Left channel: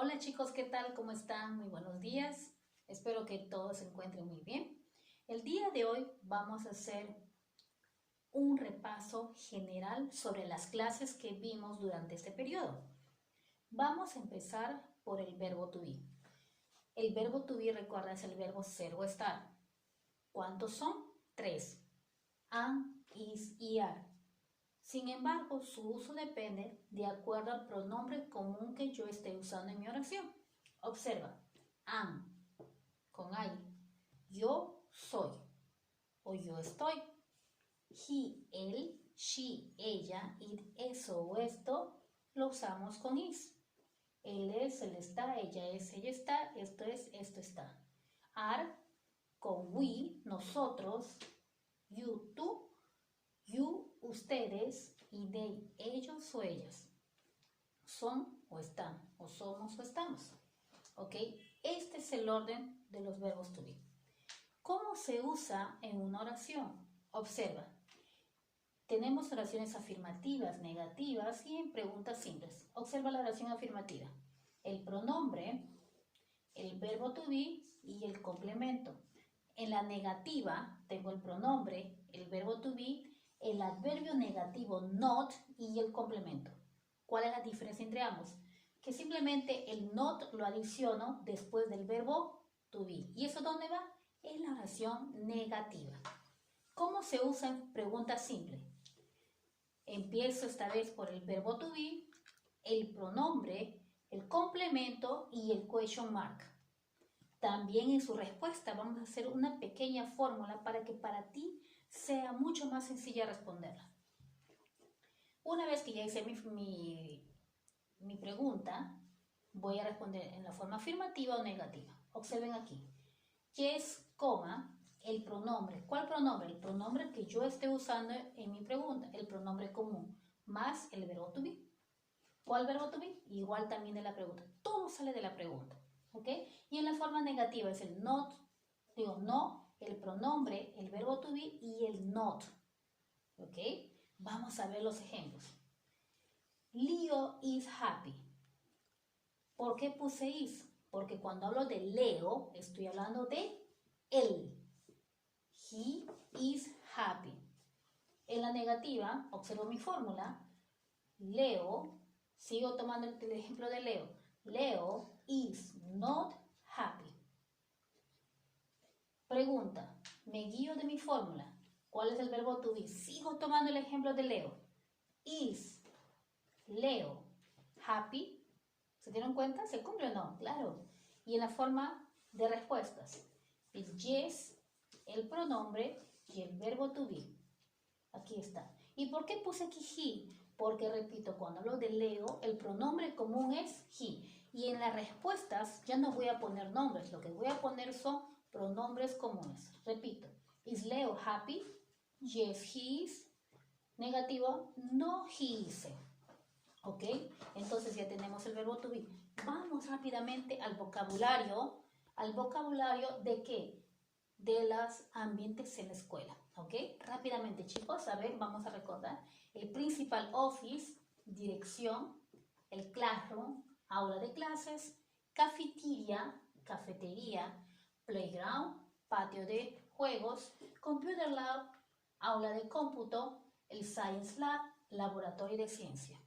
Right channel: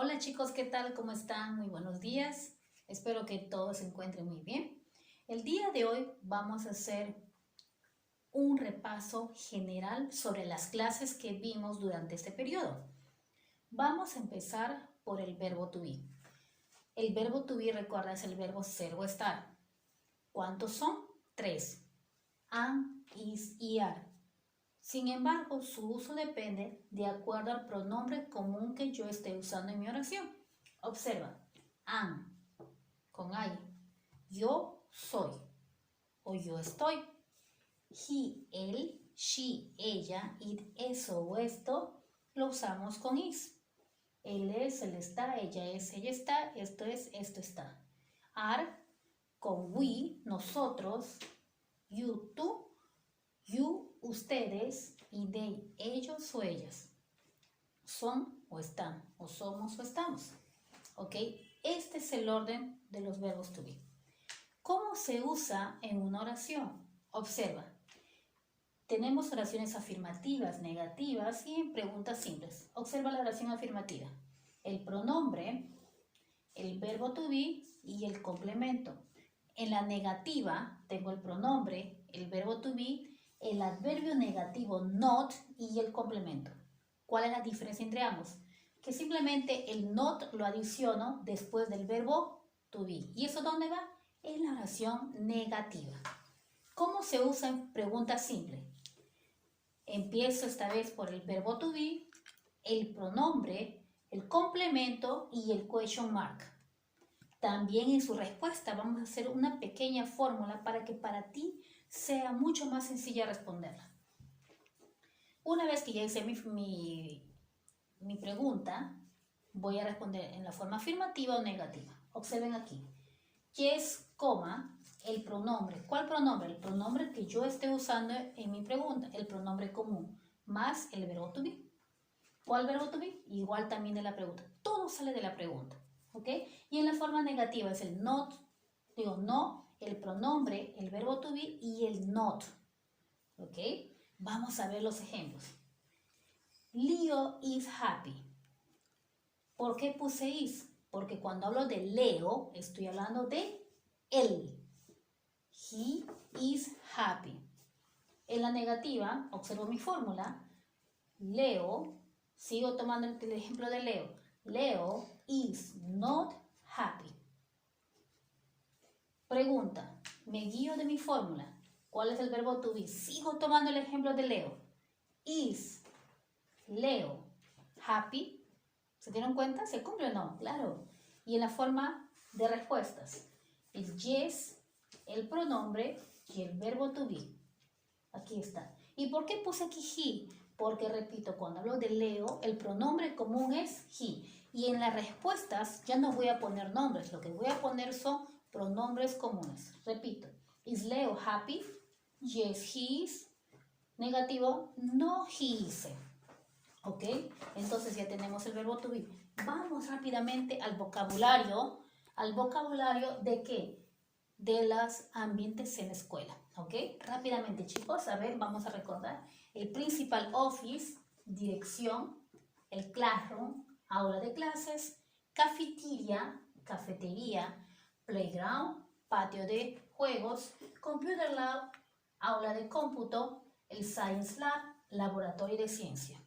Hola chicos, ¿qué tal? ¿Cómo están? Muy buenos días. Espero que todos se encuentren muy bien. El día de hoy vamos a hacer un repaso general sobre las clases que vimos durante este periodo. Vamos a empezar por el verbo to be. El verbo to be, recuerda, es el verbo ser o estar. ¿Cuántos son? 3. Am, is y are. Sin embargo, su uso depende de acuerdo al pronombre común que yo esté usando en mi oración. Observa, am, con I, yo soy o yo estoy. He, él, she, ella, it, eso o esto lo usamos con is. Él es, él está, ella es, ella está, esto es, esto está. Are, con we, nosotros, you, tú, you, ustedes, y they, ellos o ellas. Son o están, o somos o estamos. ¿Ok? Este es el orden de los verbos to be. ¿Cómo se usa en una oración? Observa. Tenemos oraciones afirmativas, negativas y en preguntas simples. Observa la oración afirmativa. El pronombre, el verbo to be y el complemento. En la negativa tengo el pronombre, el verbo to be, el adverbio negativo not y el complemento. ¿Cuál es la diferencia entre ambos? Que simplemente el not lo adiciono después del verbo to be. ¿Y eso dónde va? En la oración negativa. ¿Cómo se usa en pregunta simple? Empiezo esta vez por el verbo to be, el pronombre, el complemento y el question mark. También en su respuesta vamos a hacer una pequeña fórmula para que para ti sea mucho más sencilla responderla. Una vez que ya hice mi pregunta, voy a responder en la forma afirmativa o negativa. Observen aquí. Yes, coma, el pronombre. ¿Cuál pronombre? El pronombre que yo esté usando en mi pregunta, el pronombre común, más el verbo to be. ¿Cuál verbo to be? Igual también de la pregunta. Todo sale de la pregunta. ¿Ok? Y en la forma negativa es el not, no, el pronombre, el verbo to be y el not. ¿Ok? Vamos a ver los ejemplos. Leo is happy. ¿Por qué puse is? Porque cuando hablo de Leo, estoy hablando de él. He is happy. En la negativa, observo mi fórmula. Leo, sigo tomando el ejemplo de Leo. Leo is not happy. Pregunta, me guío de mi fórmula. ¿Cuál es el verbo to be? Sigo tomando el ejemplo de Leo. Is Leo happy? ¿Se dieron cuenta? ¿Se cumple o no? Claro. Y en la forma de respuestas. El yes, el pronombre y el verbo to be. Aquí está. ¿Y por qué puse aquí he? Porque, repito, cuando hablo de Leo, el pronombre común es he. Y en las respuestas ya no voy a poner nombres. Lo que voy a poner son pronombres comunes. Repito. ¿Is Leo happy? Yes, he is. Negativo, no, he isn't. ¿Ok? Entonces ya tenemos el verbo to be. Vamos rápidamente al vocabulario. ¿Al vocabulario de qué? De los ambientes en la escuela. ¿Ok? Rápidamente, chicos. A ver, vamos a recordar. El principal office, dirección. El classroom, aula de clases. Cafetería, cafetería. Playground, patio de juegos. Computer lab, aula de cómputo. El science lab, laboratorio de ciencia.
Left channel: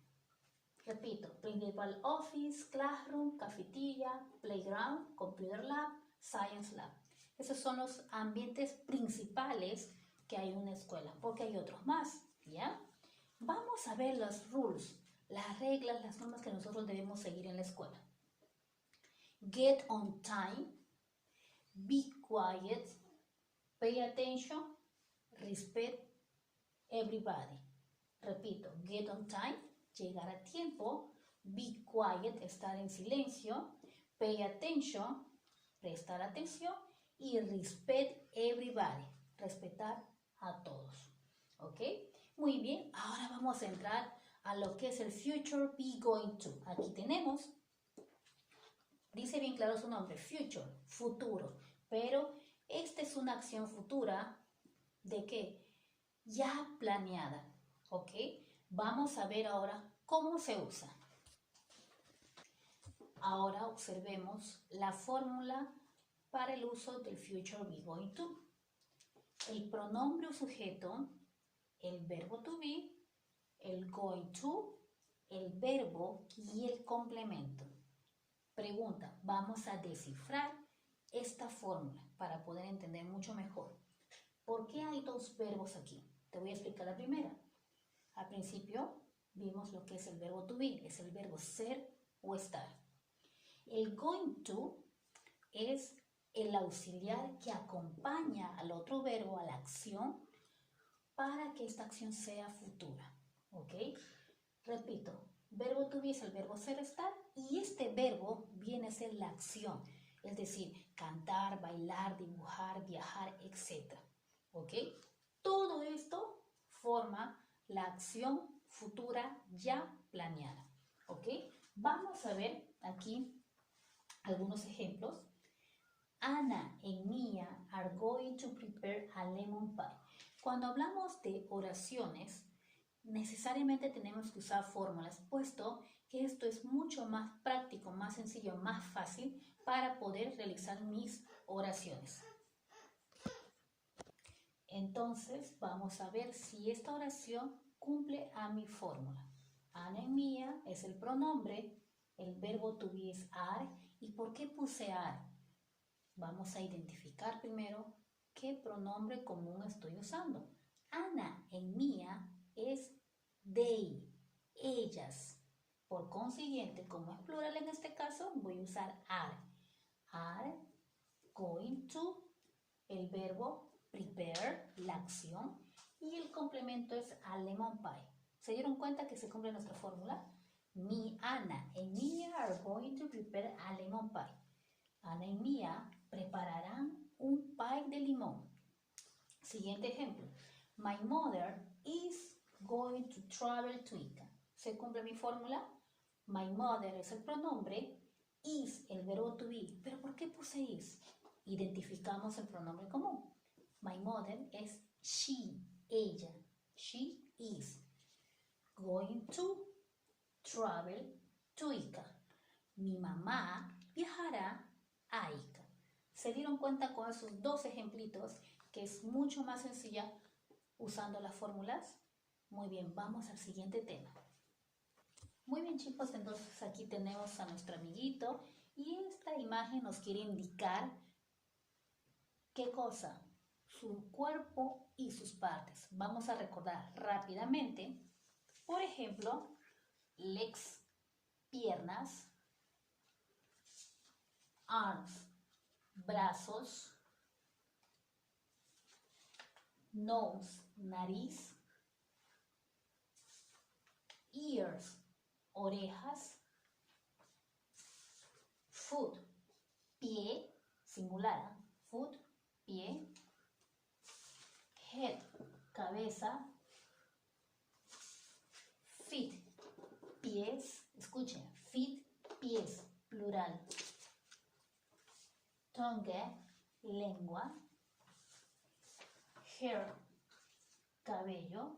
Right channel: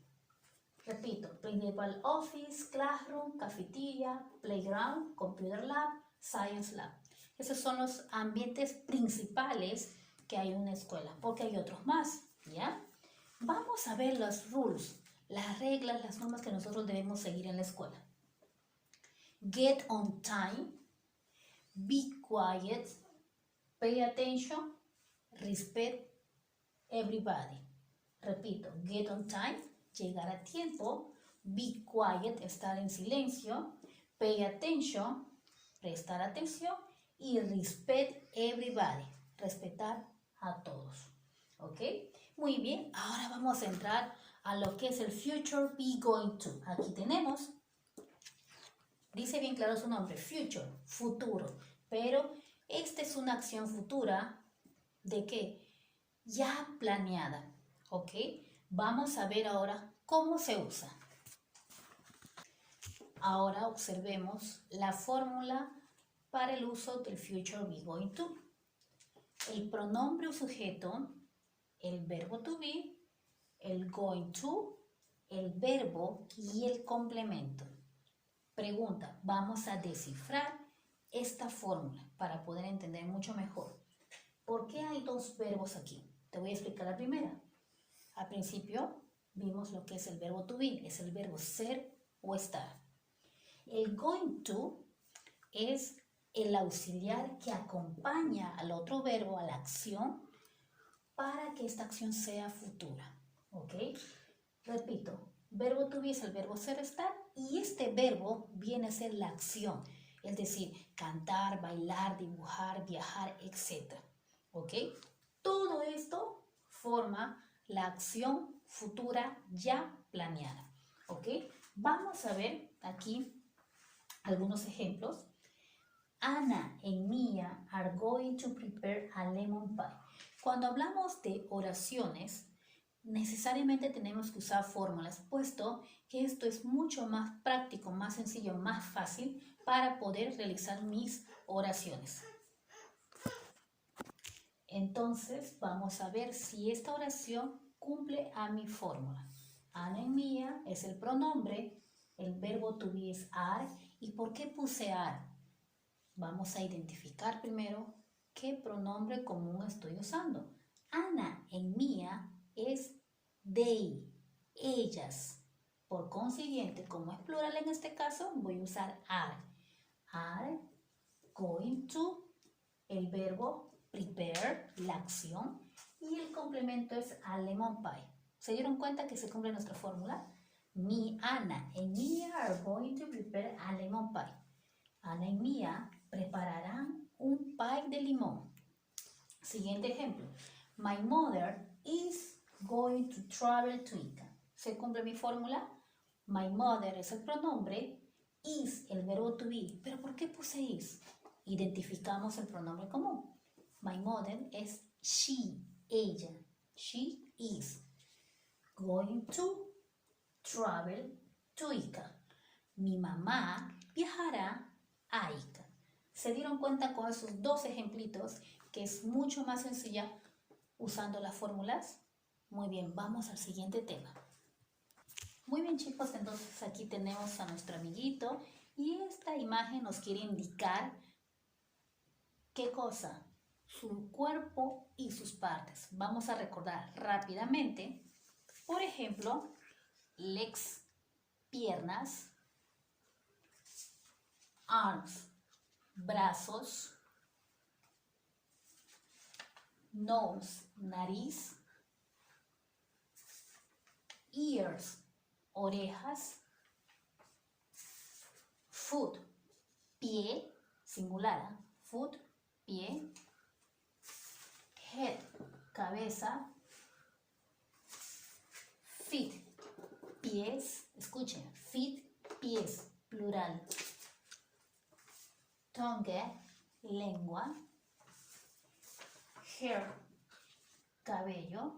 Repito, principal office, classroom, cafetería, playground, computer lab, science lab. Esos son los ambientes principales que hay en una escuela, porque hay otros más, ¿ya? Vamos a ver los rules, las reglas, las normas que nosotros debemos seguir en la escuela. Get on time, be quiet, pay attention, respect everybody. Repito, get on time, llegar a tiempo, be quiet, estar en silencio, pay attention, prestar atención y respect everybody, respetar a todos. ¿Ok? Muy bien, ahora vamos a entrar a lo que es el future be going to. Aquí tenemos, dice bien claro su nombre, future, futuro, pero esta es una acción futura ¿de qué? Ya planeada. ¿Ok? Vamos a ver ahora cómo se usa. Ahora observemos la fórmula para el uso del future be going to. El pronombre o sujeto, el verbo to be, el going to, el verbo y el complemento. Pregunta, vamos a descifrar esta fórmula para poder entender mucho mejor. ¿Por qué hay dos verbos aquí? Te voy a explicar la primera. Al principio vimos lo que es el verbo to be, es el verbo ser o estar. El going to es el auxiliar que acompaña al otro verbo, a la acción, para que esta acción sea futura. ¿Ok? Repito, verbo to be es el verbo ser, estar, y este verbo viene a ser la acción, es decir, cantar, bailar, dibujar, viajar, etc. ¿Ok? Todo esto forma la acción futura ya planeada. ¿Ok? Vamos a ver aquí algunos ejemplos. Anna and Mia are going to prepare a lemon pie. Cuando hablamos de oraciones, necesariamente tenemos que usar fórmulas, puesto que esto es mucho más práctico, más sencillo, más fácil para poder realizar mis oraciones. Entonces, vamos a ver si esta oración cumple a mi fórmula. Anna and Mia es el pronombre, el verbo to be es are. ¿Y por qué puse are? Vamos a identificar primero qué pronombre común estoy usando. Anna and Mia es they, ellas. Por consiguiente, como es plural en este caso, voy a usar are. Are going to, el verbo prepare, la acción, y el complemento es a lemon pie. ¿Se dieron cuenta que se cumple nuestra fórmula? Anna and Mia are going to prepare a lemon pie. Anna y Mia prepararán un pie de limón. Siguiente ejemplo. My mother is going to travel to Ica. ¿Se cumple mi fórmula? My mother es el pronombre, is el verbo to be. ¿Pero por qué puse is? Identificamos el pronombre común. My mother es she, ella. She is going to travel to Ica. Mi mamá viajará a Ica. ¿Se dieron cuenta con esos dos ejemplitos que es mucho más sencilla usando las fórmulas? Muy bien, vamos al siguiente tema. Muy bien, chicos, entonces aquí tenemos a nuestro amiguito y esta imagen nos quiere indicar ¿qué cosa? Su cuerpo y sus partes. Vamos a recordar rápidamente, por ejemplo, legs, piernas, arms, brazos, nose, nariz, ears, orejas, foot, pie, singular, foot, pie, head, cabeza, feet, pies, escuchen, feet, pies, plural, tongue, lengua, hair, cabello,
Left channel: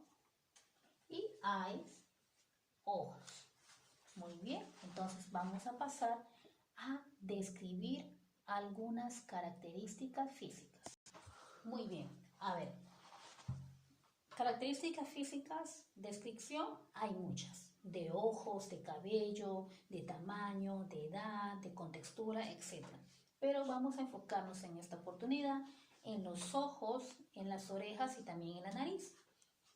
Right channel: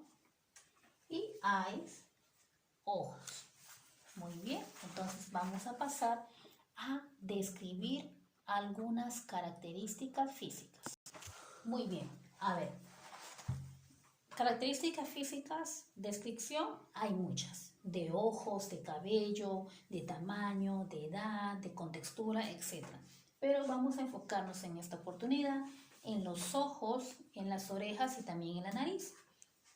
y eyes, ojos. Muy bien, entonces vamos a pasar a describir algunas características físicas. Muy bien, a ver. Características físicas, descripción, hay muchas. De ojos, de cabello, de tamaño, de edad, de contextura, etc. Pero vamos a enfocarnos en esta oportunidad en los ojos, en las orejas y también en la nariz.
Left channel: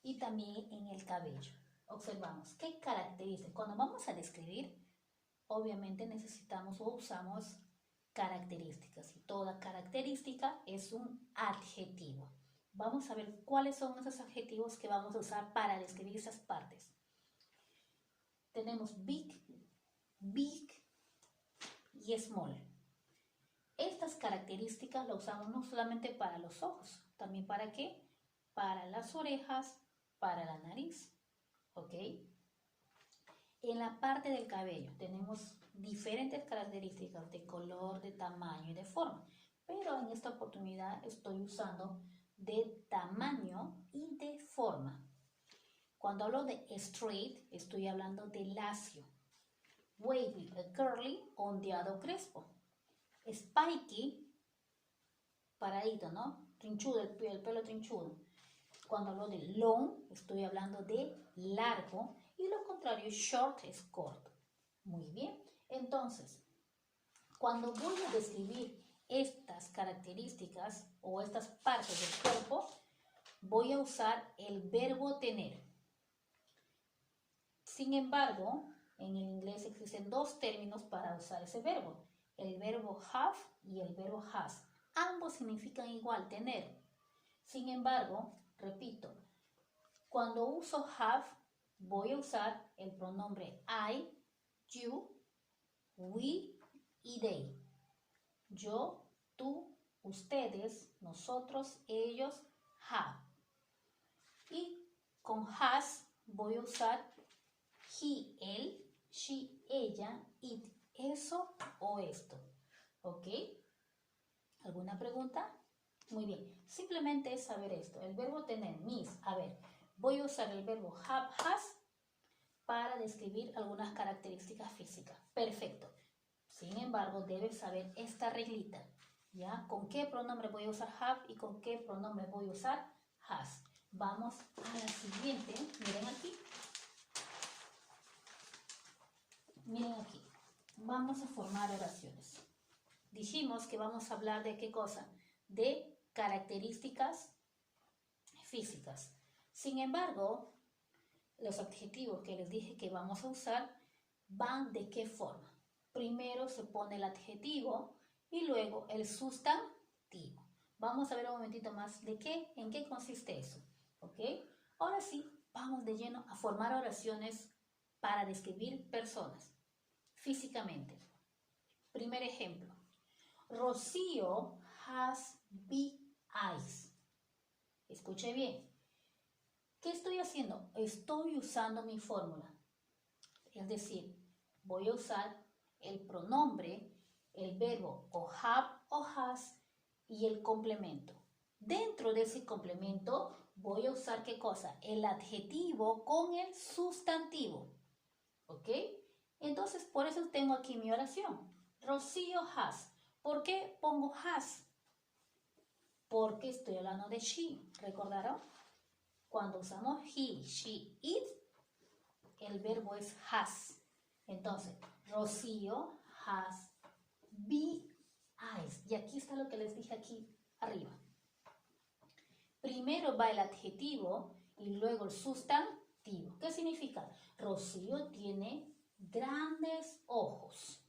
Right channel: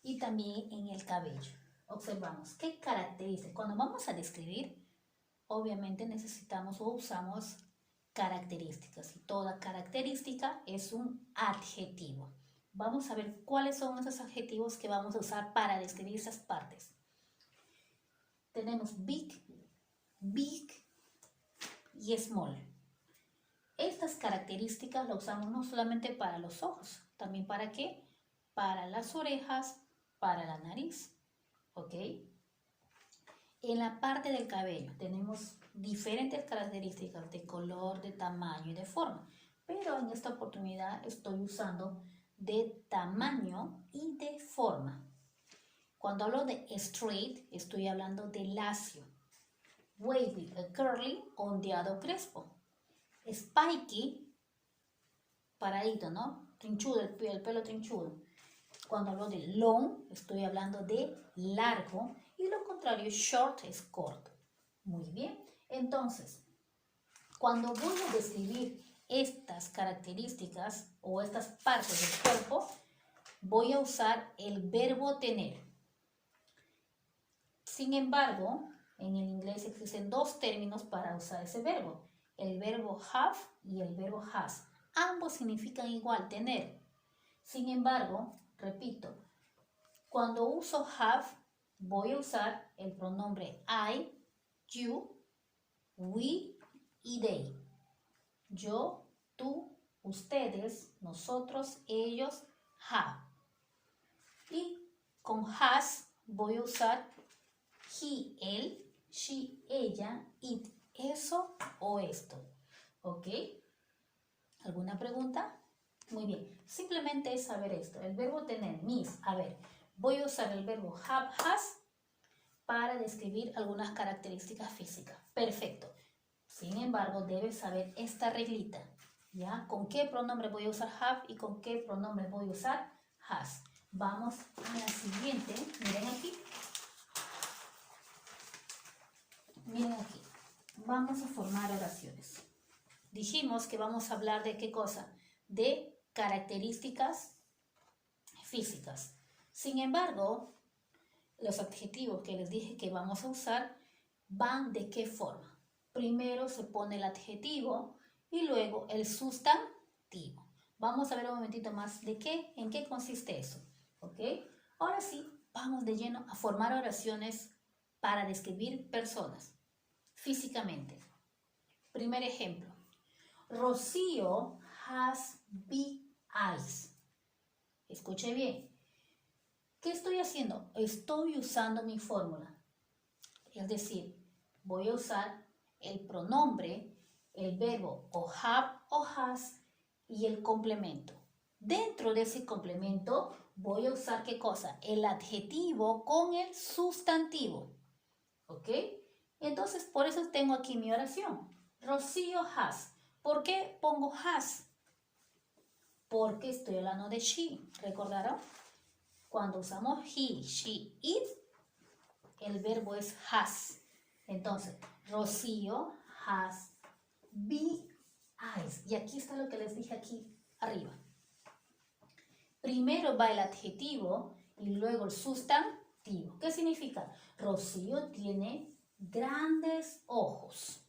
Y también en el cabello. Observamos qué características. Cuando vamos a describir, obviamente necesitamos o usamos características. Y toda característica es un adjetivo. Vamos a ver cuáles son esos adjetivos que vamos a usar para describir esas partes. Tenemos big, big y small. Estas características las usamos no solamente para los ojos, también para ¿qué? Para las orejas, para la nariz. ¿Ok? En la parte del cabello tenemos diferentes características de color, de tamaño y de forma. Pero en esta oportunidad estoy usando de tamaño y de forma. Cuando hablo de straight, estoy hablando de lacio. wavy, curly, ondeado, crespo. Spiky, paradito, ¿no? Trinchudo, el pelo trinchudo. Cuando hablo de long, estoy hablando de largo. Y lo contrario, short es corto. Muy bien. Entonces, cuando voy a describir estas características o estas partes del cuerpo, voy a usar el verbo tener. Sin embargo, en el inglés existen dos términos para usar ese verbo. El verbo have y el verbo has. Ambos significan igual, tener. Sin embargo, repito, cuando uso have, voy a usar el pronombre I, you, we y they. Yo, tú, ustedes, nosotros, ellos, have. Y con has voy a usar he, él, she, ella, it, eso o esto. ¿Ok? ¿Alguna pregunta? Muy bien. Simplemente es saber esto. El verbo tener, mis. A ver, voy a usar el verbo have, has para describir algunas características físicas. Perfecto. Sin embargo, debes saber esta reglita. ¿Ya? ¿Con qué pronombre voy a usar have y con qué pronombre voy a usar has? Vamos a la siguiente. Miren aquí. Miren aquí. Vamos a formar oraciones. Dijimos que vamos a hablar de qué cosa, de características físicas. Sin embargo, los adjetivos que les dije que vamos a usar van de qué forma. Primero se pone el adjetivo y luego el sustantivo. Vamos a ver un momentito más de qué, en qué consiste eso. ¿Ok? Ahora sí, vamos de lleno a formar oraciones para describir personas físicamente. Primer ejemplo. Rocío has big eyes. Escuche bien. ¿Qué estoy haciendo? Estoy usando mi fórmula. Es decir, voy a usar el pronombre, el verbo o have o has y el complemento. Dentro de ese complemento voy a usar ¿qué cosa? El adjetivo con el sustantivo. ¿Ok? Entonces, por eso tengo aquí mi oración. Rocío has. ¿Por qué pongo has? Porque estoy hablando de she. ¿Recordaron? Cuando usamos he, she, it, el verbo es has. Entonces, Rocío has big eyes. Y aquí está lo que les dije aquí arriba. Primero va el adjetivo y luego el sustantivo. ¿Qué significa? Rocío tiene grandes ojos.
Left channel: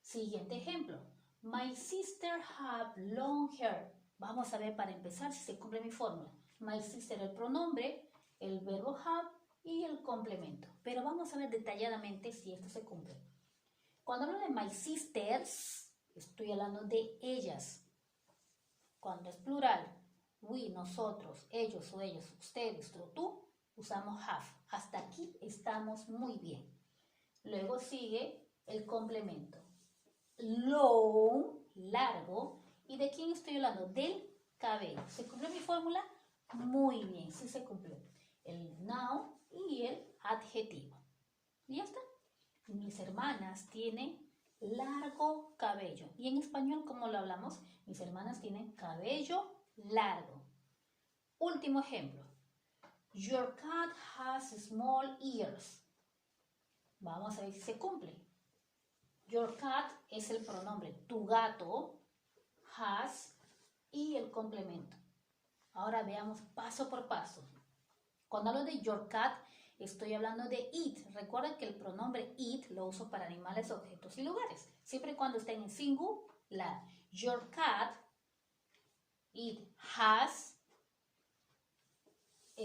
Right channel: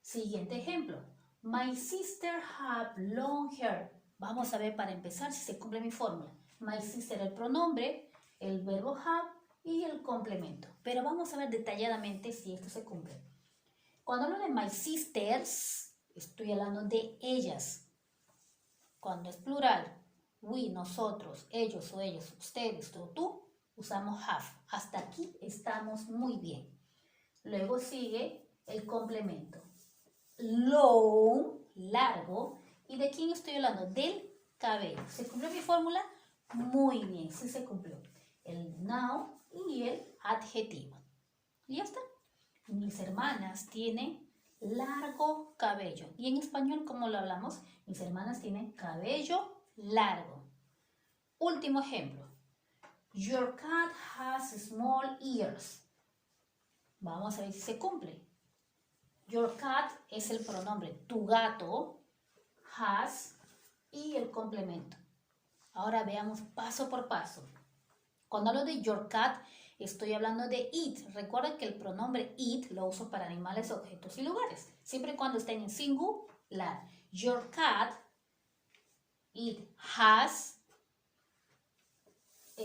Siguiente ejemplo. My sister have long hair. Vamos a ver para empezar si se cumple mi fórmula. My sister, el pronombre, el verbo have y el complemento. Pero vamos a ver detalladamente si esto se cumple. Cuando hablo de my sisters, estoy hablando de ellas. Cuando es plural, we, nosotros, ellos o ellos, ustedes o tú, usamos have. Hasta aquí estamos muy bien. Luego sigue el complemento. Long, largo. ¿Y de quién estoy hablando? Del cabello. ¿Se cumplió mi fórmula? Muy bien, sí se cumplió. El noun y el adjetivo. Y ya está. Mis hermanas tienen largo cabello. ¿Y en español cómo lo hablamos? Mis hermanas tienen cabello largo. Último ejemplo. Your cat has small ears. Vamos a ver si se cumple. Your cat es el pronombre. Tu gato has y el complemento. Ahora veamos paso por paso. Cuando hablo de your cat, estoy hablando de it. Recuerda que el pronombre it lo uso para animales, objetos y lugares. Siempre y cuando estén en singular. Your cat, it has,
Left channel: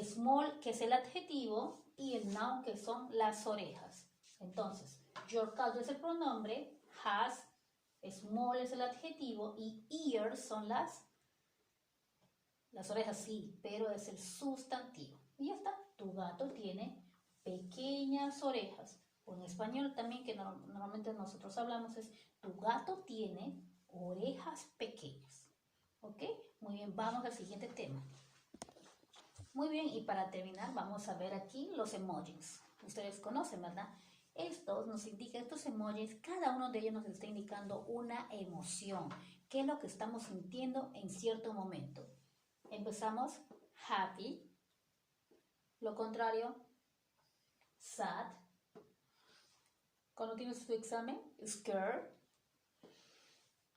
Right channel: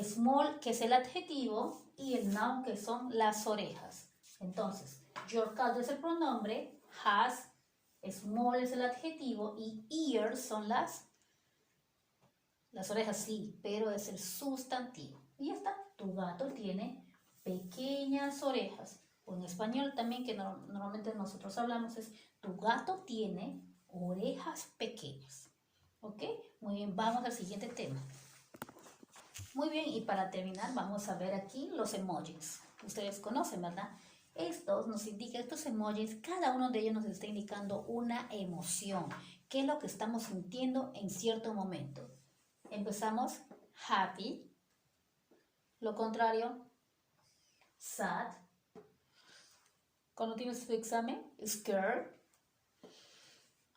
small, que es el adjetivo, y el noun, que son las orejas. Entonces, your cat es el pronombre, has, small es el adjetivo y ears son las orejas, sí, pero es el sustantivo. Y ya está, tu gato tiene pequeñas orejas. O en español también, que normalmente nosotros hablamos, es tu gato tiene orejas pequeñas. ¿Ok? Muy bien, vamos al siguiente tema. Muy bien, y para terminar vamos a ver aquí los emojis. Ustedes conocen, ¿verdad? Estos nos indican, estos emojis, cada uno de ellos nos está indicando una emoción. ¿Qué es lo que estamos sintiendo en cierto momento? Empezamos happy. Lo contrario, sad. Cuando tienes tu examen, scared,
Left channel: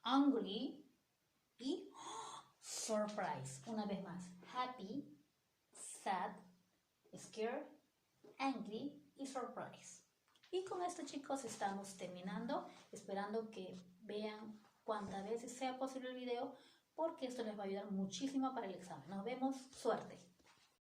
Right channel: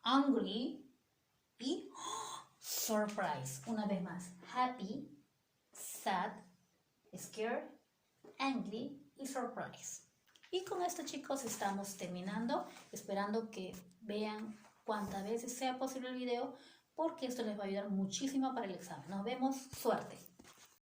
angry y surprise. Una vez más, happy, sad, scared, angry y surprise. Y con esto, chicos, estamos terminando, esperando que vean cuantas veces sea posible el video, porque esto les va a ayudar muchísimo para el examen. Nos vemos, suerte.